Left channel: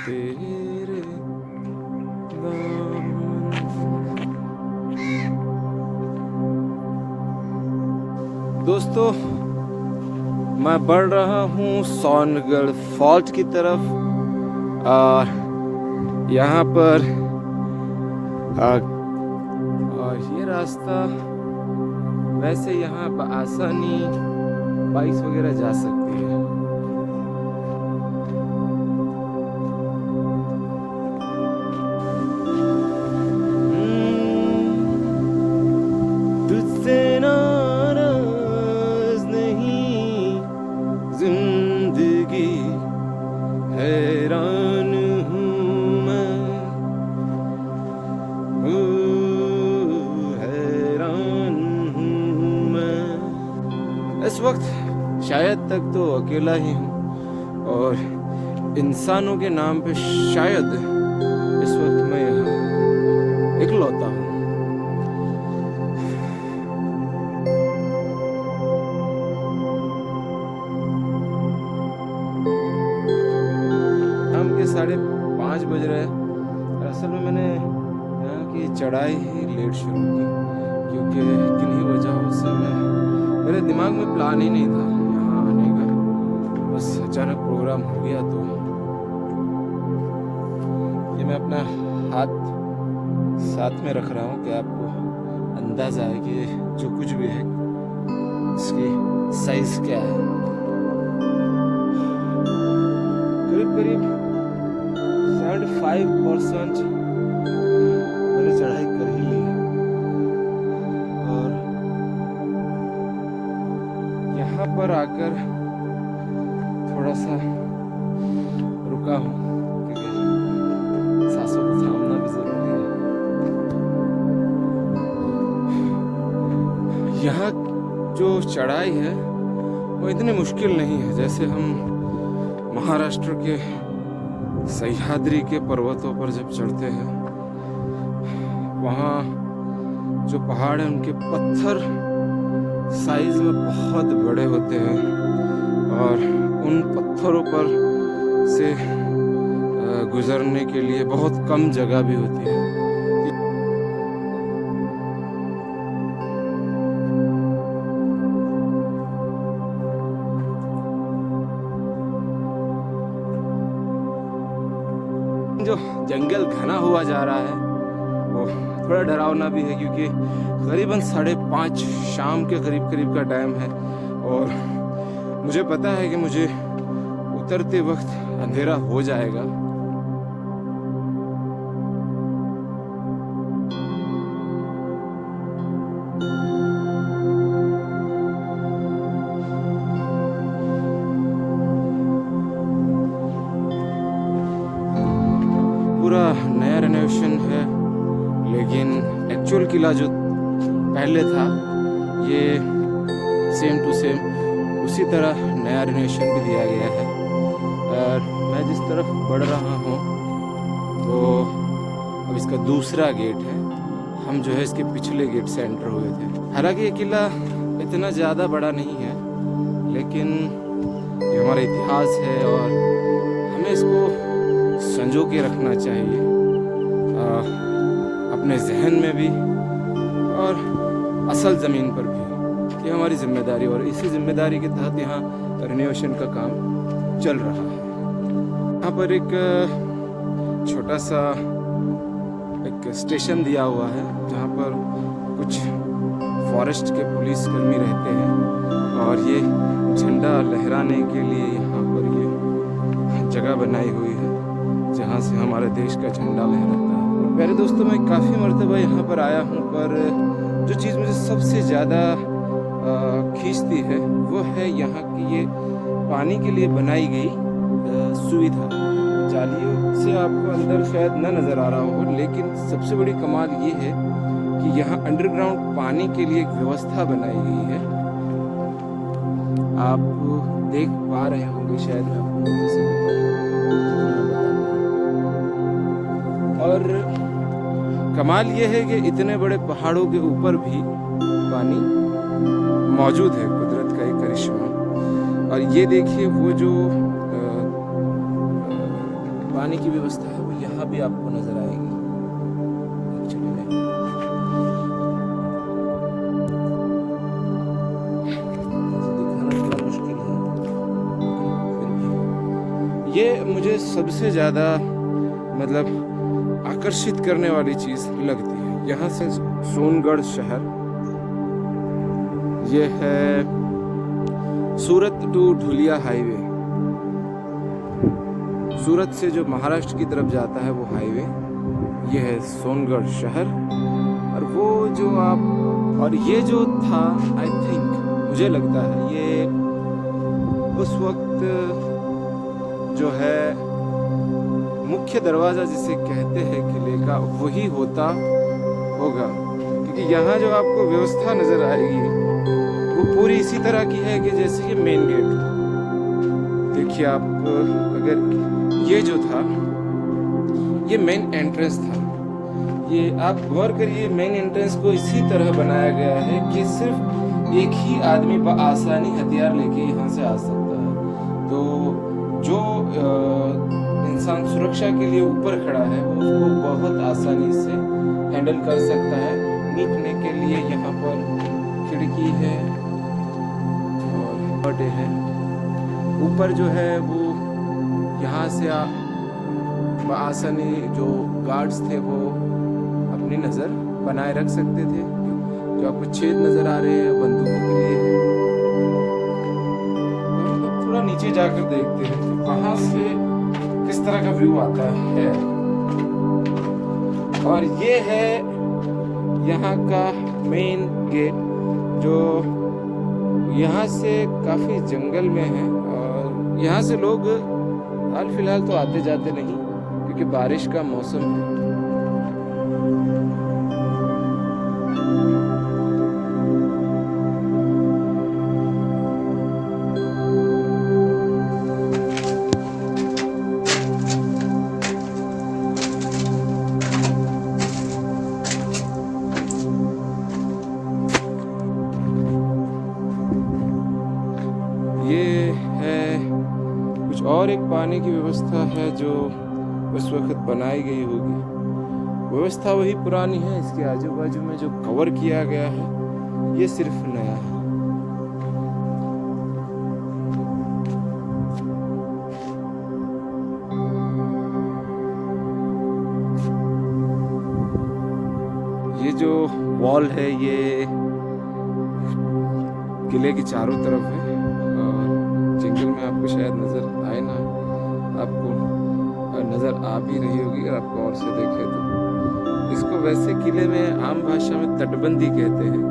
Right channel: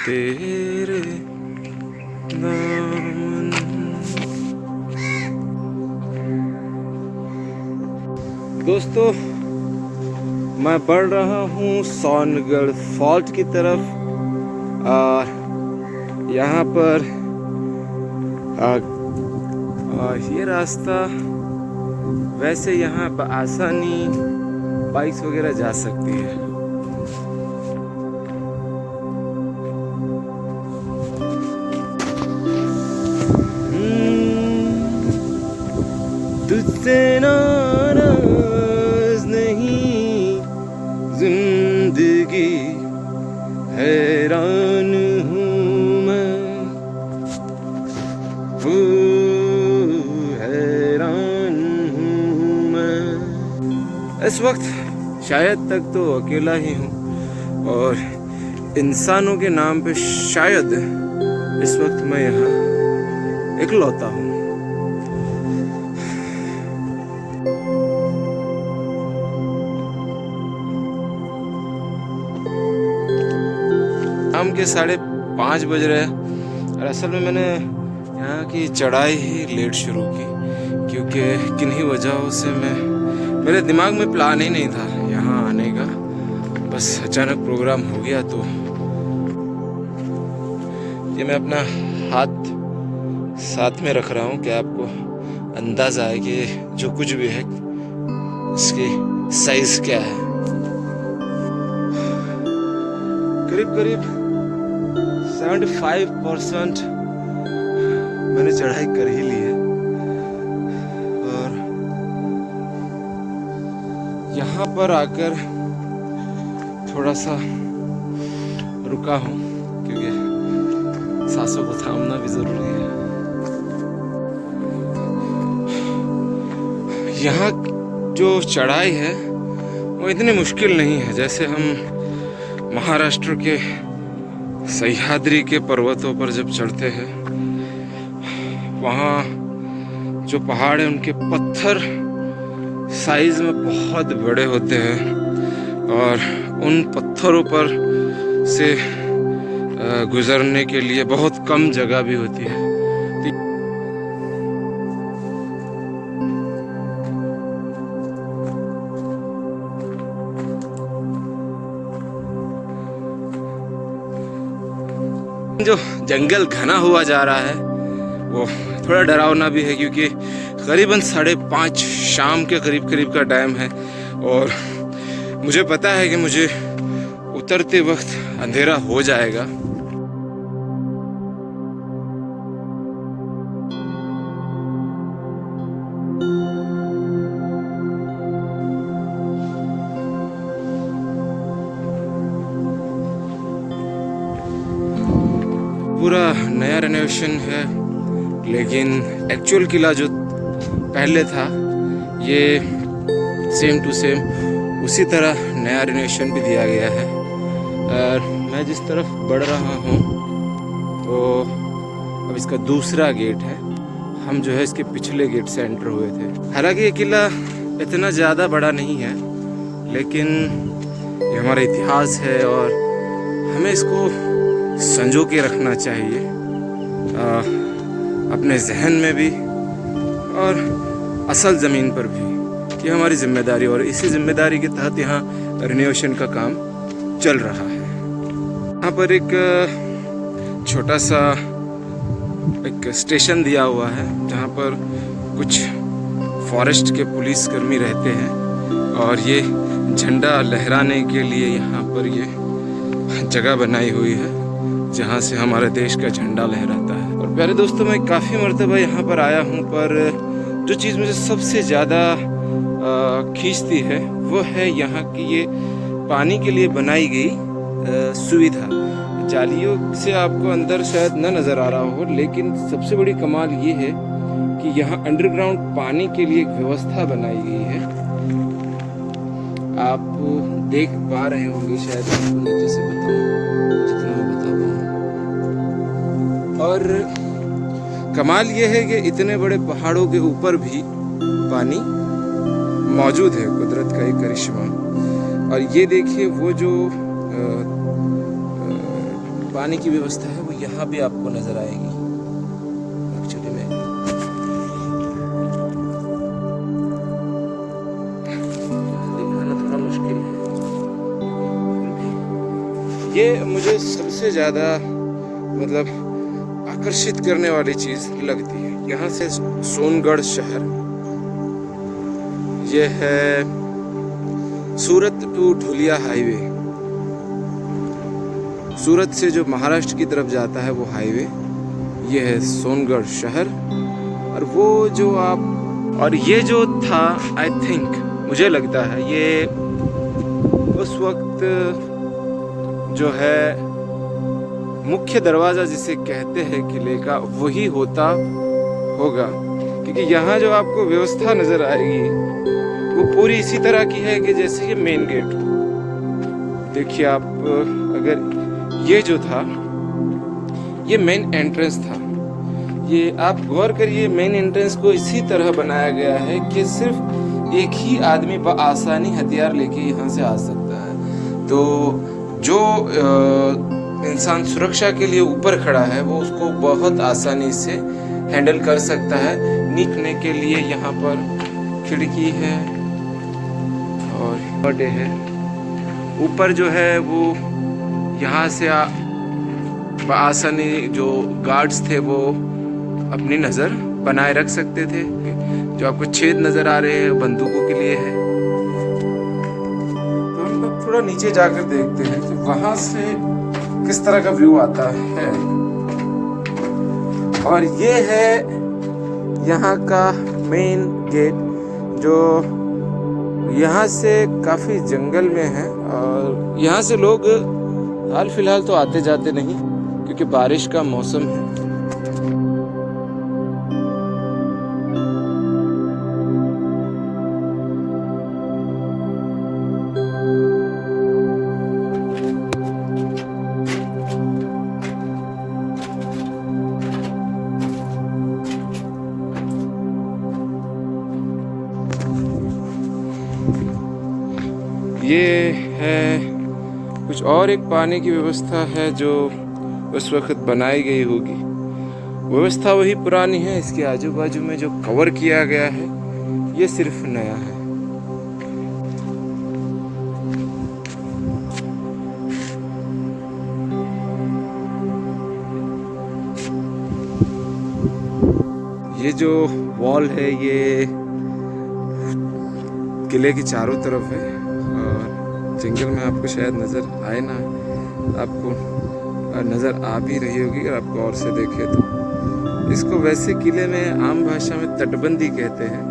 तेरे दामन। दोस्तों, मैं बढ़ रहा हूँ सोनगढ़ फॉल्ट की तरफ और यहाँ पर ये रास्ता वैसे यहाँ आसानी बाइक्स वगैरह जा सकती है। तुझसे नाराज नहीं जिंदगी, हैरान हूँ मैं, हैरान हूँ मैं। इस वक्त शायद तक तो अकेला ही हूँ और इंसानों के नाम पे शायद इस वक्त मैं यहाँ इकलौता हूँ। शाम के 5:30 बज रहे हैं और असल में मैंने यहाँ की चढ़ाई ही लेट शुरू की क्योंकि किन्हीं वजहों से मेरे दिमाग में प्लान ही नहीं था यहाँ आने का। बस अचानक प्रोग्राम हो गया। तो ये मैं अपना हाथ साथ में रख रहा हूँ कि आपको अंदाज़ा आए कि जो कुछ भी है इसकी साइज़ क्या है। करीब करीब 75% मैंने चढ़ाई कर ही ली है और यहाँ पर आकर थोड़ा सा रुका हूँ क्योंकि सांसों को थामना भी जरूरी है। यहाँ जो चढ़ाई है वो इतनी मुश्किल नहीं है जैसे हम महाराष्ट्र के सह्याद्री के पर्वतों पर जब चढ़ते हैं। वहाँ जो पहाड़ हैं उनके पत्थर साइज में बहुत बड़े होते हैं और उन पत्थरों पर से गुजरने के लिए बहुत कम जगह भी होती है। जो जंगल घना हुआ जा रहा है वो थोड़ा डरावना भी है क्योंकि करीबन 5:30 शाम के करीब का टाइम है और मुझे पता है कि मुझे उतरते वक्त अंधेरा हो जाएगा। पूरा नया रेनोवेशन है लेकिन एक्चुअल किला जो पहले था ये सेम टू सेम उसी तरह नया रेनोवेशन भी दिया गया है। मैं जिस तरफ बढ़ रहा हूँ तो अब इसका दूसरा गेट है। हम जो है इसके पिछले गेट से एंटर हुए थे। हालांकि ये किला इतना ज़्यादा बड़ा नहीं है लेकिन ये हमारा इतिहास है और हमें इसको संजो के रखना चाहिए अपने जहन में भी और असल ज़मीन पर भी। ये हमारी जिम्मेदारी और इसी जिम्मेदारी के तहत यहाँ रिनोवेशन का काम चल रहा है। यहाँ पर एक छोटा सा एक स्टेशन दिया हुआ है जहाँ पर कुछ फॉरेस्ट के पुलिसकर्मी रहते हैं और ये झंडा लहराने के लिए यहाँ पर ये जगह बनाई हुई है जहाँ से हमारे देश का झंडा लहराता है। और प्यारे दोस्तों, मैं काफ़ी मर्तबा यहाँ पर आया हूँ पर जो चीज़ मुझे सबसे ज़्यादा खींचती है वो है यहाँ की ये पानी के लिए बनाई गई सुविधा। जालियों से आपको अंदर शायद न नज़र आ रहा हो लेकिन सबसे बड़ी कमाल ये है कि यहाँ अंडरग्राउंड पानी के लिए एक व्यवस्था बनाई गई है। आप देख पा रहे होंगे शायद, आपको नीचे से बताऊँ जितना मैं बता पाऊँ। और कमाल ये है कि इतने बड़े पहाड़ों के ऊपर भी पानी मौजूद है, कुदरत का एक करिश्मा। और ये देखिए वो जो पानी की व्यवस्था है वो यहाँ भी आपको नज़र आएगी। एक्चुअली में दिखाना थोड़ा मुश्किल है, फिर भी ये मुझे सबसे ज़्यादा मतलब आकर्षित करने वाली चीज़ लगती है। यहाँ से सोनगढ़ शहर, ये है सूरत टू ढुलिया हाईवे। सूरत से जो महाराष्ट्र की तरफ जाता है वो हाईवे, ये है सोनगढ़ शहर। और वो जो आप और ये जो था, आई थिंक मुझे लगता है ये उस वक्त जो है मुख्य दरवाज़ा जिसे कहते हैं किले का, वही होता होगा। क्योंकि यहाँ जो आपको व्यवस्था नज़र आएगी वो पूरी इसी तरह की है कि जैसे ये मेन गेट हो। देखिए आप, अगर ये जो था ये मेन एंट्रेंस था, ये आप गौर करिए, मेन एंट्रेंस को इसी तरह बनाया गया है कि सिर्फ एक ही आदमी बआसानी हथियार लेके यहाँ से आ सकता है। तो जो इंसान सुरक्षा के लिए ऊपर खड़ा है वो उसको बहुत आसानी से हैंडल कर सकता है। नीचे के लिए यहाँ पर खिड़की है और बर्थडे है। ऊपर जो है वो यहाँ से आसानी जो गार्ड्स थे वो अपनी नज़र बनाए रख सकते थे। जो आपको छेद नज़र आ रहे हैं बंदूकों के लिए है। तो हम लोग थोड़ा नीचे जाकर देखते हैं कि वहाँ से किस तरह का व्यू आता है। और ये है यहाँ का मेन गेट, जो यहाँ से काफ़ी जंगल में है। और यहाँ से लोग हाल फिलहाल तो आते जाते नहीं, क्योंकि बारिश का मौसम है। ये है कुछ और एक पानी की व्यवस्था है जो उस वक्त बनाई गई होगी। व्यवस्था वही पुरानी है, इसके आजू बाजू में जो कवर किया गया है ये सिर्फ नया है। ये जो वॉल है ये किले के चारों तरफ है। जंगल में आपको शायद नज़र आए ना, आपको नज़र आ भी रही होगी अगर आप गौर से देखें तो। इसको वैसे किले में आम भाषा में तटबंदी कहते हैं।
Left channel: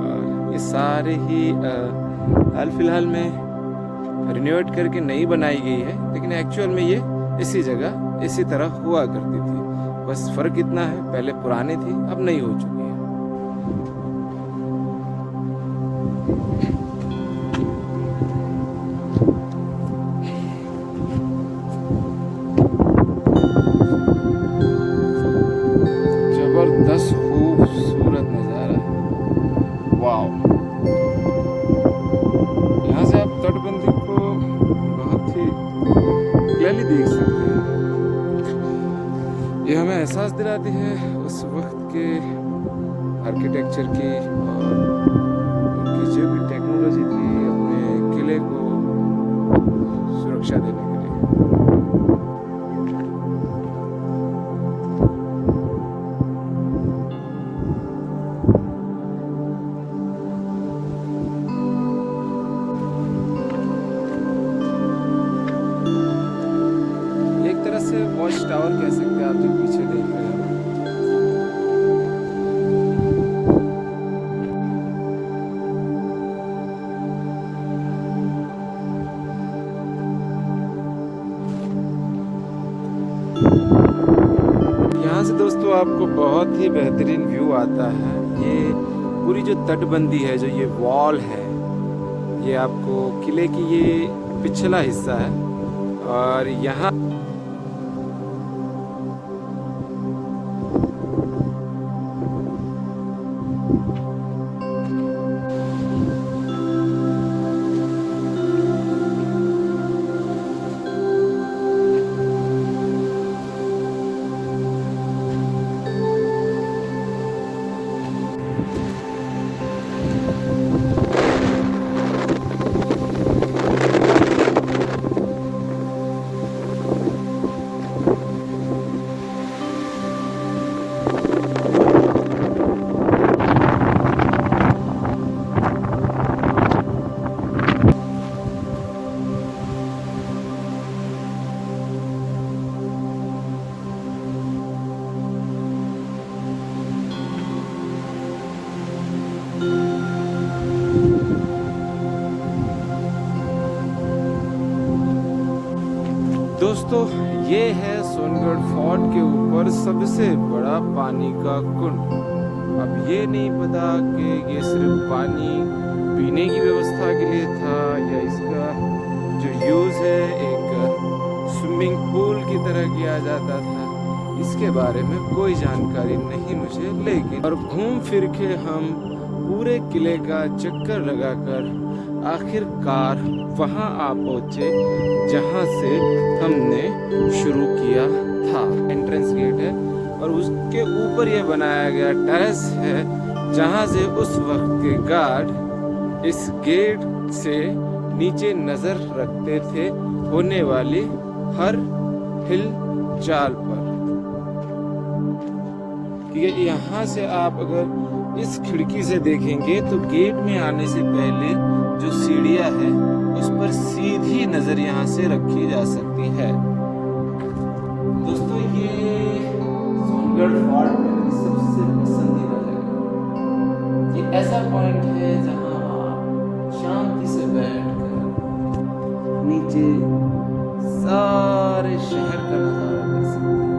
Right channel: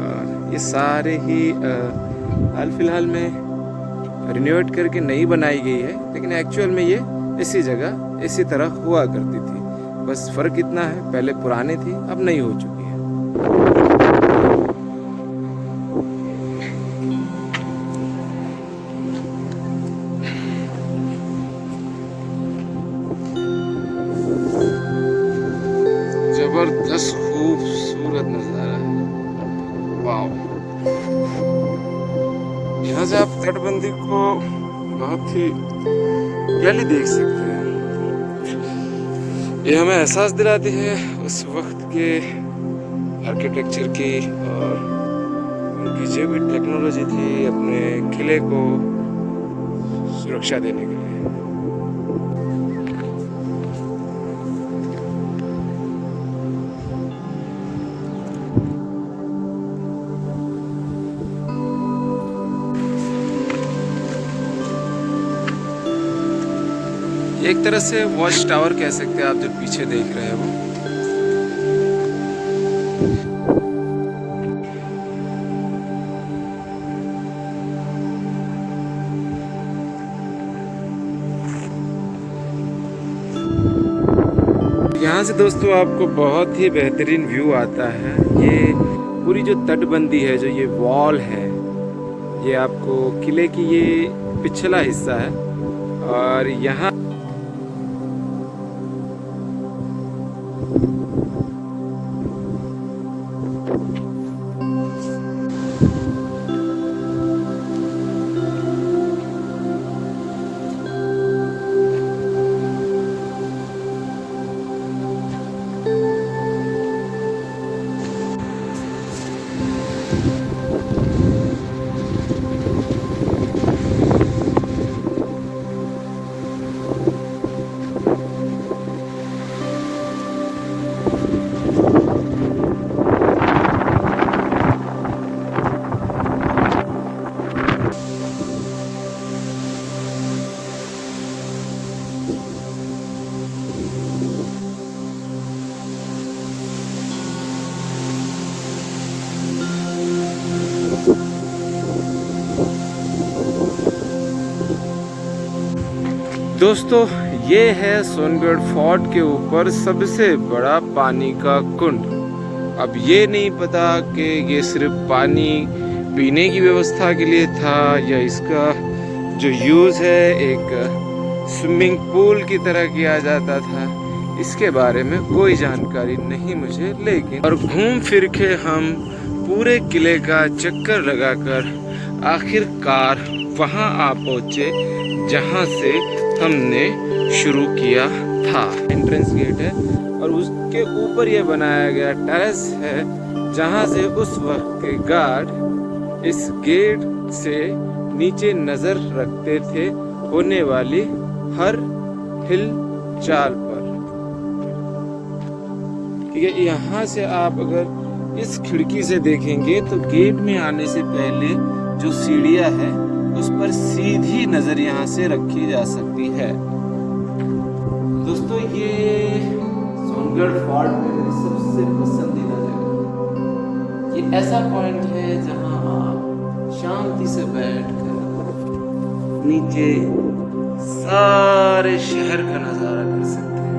और ये सारे ही हाल फिलहाल में रिनोवेट करके नई बनाई गई है, लेकिन एक्चुअल में ये इसी जगह इसी तरह हुआ करती थी। बस फ़र्क इतना है, पहले पुरानी थी अब नई हो चुकी है। जबरदस्त खूबसूरत नज़ारा है, वाओ। यहाँ से आप तटबंदी को बहुत ही क्लियरली देख सकते हैं। ये हमें एहसास दिलाती है उस वक्त के आर्किटेक्चर की और उनकी जो भी टेक्नोलॉजी थी अपने किले को सुरक्षा देने के लिए। एक तरह से वॉच टावर कह सकते हैं आप, जो पीछे देख रहे हैं वो। यहाँ से दोस्तों आपको बहुत ही बेहतरीन व्यू आता है। ये पूरी जो तटबंदी है, जो ये वॉल है, ये आपको किले की ये पिछला हिस्सा है। और यहाँ दोस्तों, ये है सोनगढ़ फोर्ट के ऊपर सबसे बड़ा पानी का कुंड। अब ये नहीं पता कि ये सिर्फ पानी पीने की व्यवस्था के लिए था या इसका जो यूज़ है एक स्विमिंग पूल की तरह किया जाता था, इसके बारे में कोई जानकारी नहीं मुझे। लेकिन और घूम फिर के हम पूरे किले का चक्कर लगाकर आखिरकार वहाँ आ पहुँचे जहाँ से हमने शुरू किया था। एंट्रेंस गेट है और उसके ऊपर ये बनाया गया टेरेस है जहाँ से उस वक्त के गार्ड इस गेट से नीचे नजर रखते थे होने वाली हर हिल चाल पर। ठीक है, यहाँ से आप अगर इस खिड़की से देखेंगे तो गेट में आने से पहले जो सीढ़ियाँ है उस पर सीधी नजर यहाँ से रखी जा सकती है। दोस्तों, ये सोनगढ़ फोर्ट में मेरी सबसे पसंदीदा जगह। ये ऐसा पॉइंट है जहाँ आप शांति से बैठकर नीचे सारे शहर का नजारा कर सकते हैं।